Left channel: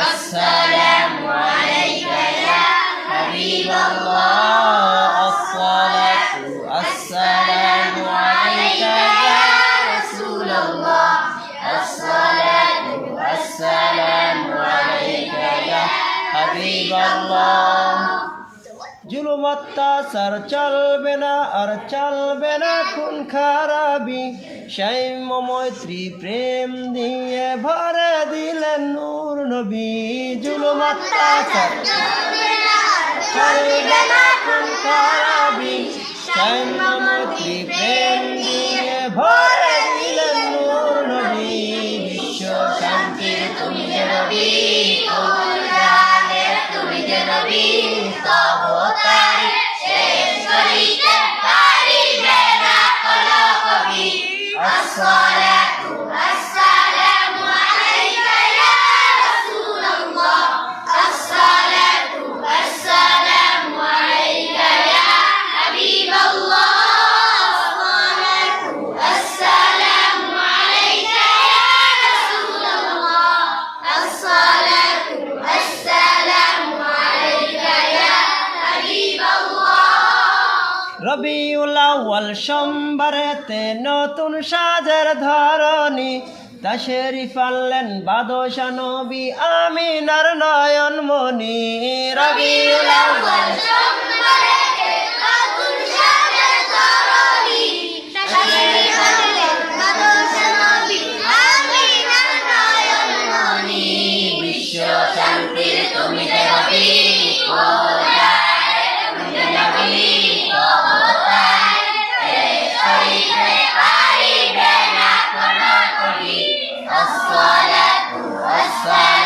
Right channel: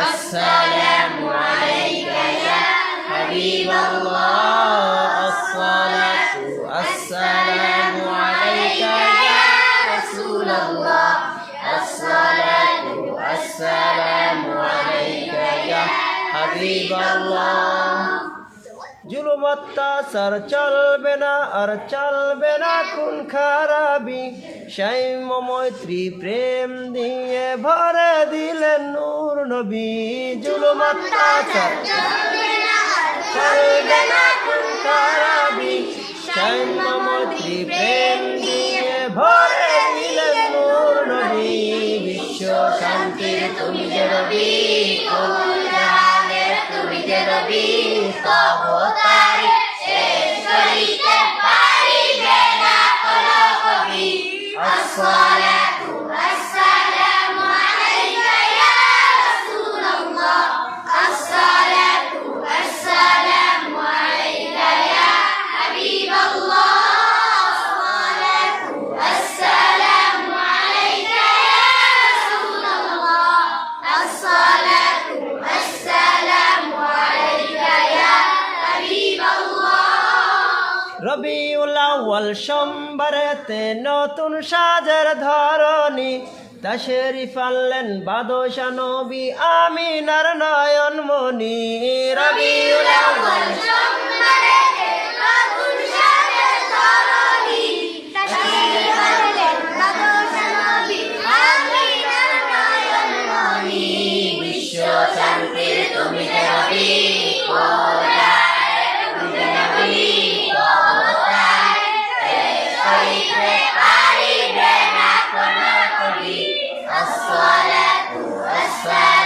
السلام عليك يا حبيب الله الصلاة السلام عليك يا رسول الله الصلاة السلام عليك يا حبيب الله জুলুম অত্যাচার চলবে না আর চলবে না খুন খারাপি সাম্য মৈত্রী প্রেম দিয়ে ভরে দিলেন নূর নবী জুলুম অত্যাচার চলবে না খুন খারাপি সাম্য মৈত্রী প্রেম দিয়ে ভরে দিলেন নূর নবী বিশ্ব শান্তির তুমি যে নবী তুমি যে নবী তবতারি শেষ করিতে পারিবে না কোনো কবি আসসালাতু আসসালামু আলাইকা ইয়া রাসূলুল্লাহ আসসালাতু আসসালামু আলাইকা ইয়া হাবিবাল্লাহ আসসালাতু আসসালামু আলাইকা ইয়া রাসূলুল্লাহ আসসালাতু আসসালামু আলাইকা ইয়া হাবিবাল্লাহ রবিউল আউয়াল সোমবারেতে নতুন সাজের ধরনী তাশরিফ আনলেন বাদশা নবী আমিনার নয়ন মনি রবিউল আউয়াল সোমবারেতে নতুন সাজের ধরনী তাশরিফ আনলেন বাদশা নবী আমিনার নয়ন মনি বিশ্ব শান্তির তুমি যে নবী الصلاة والسلام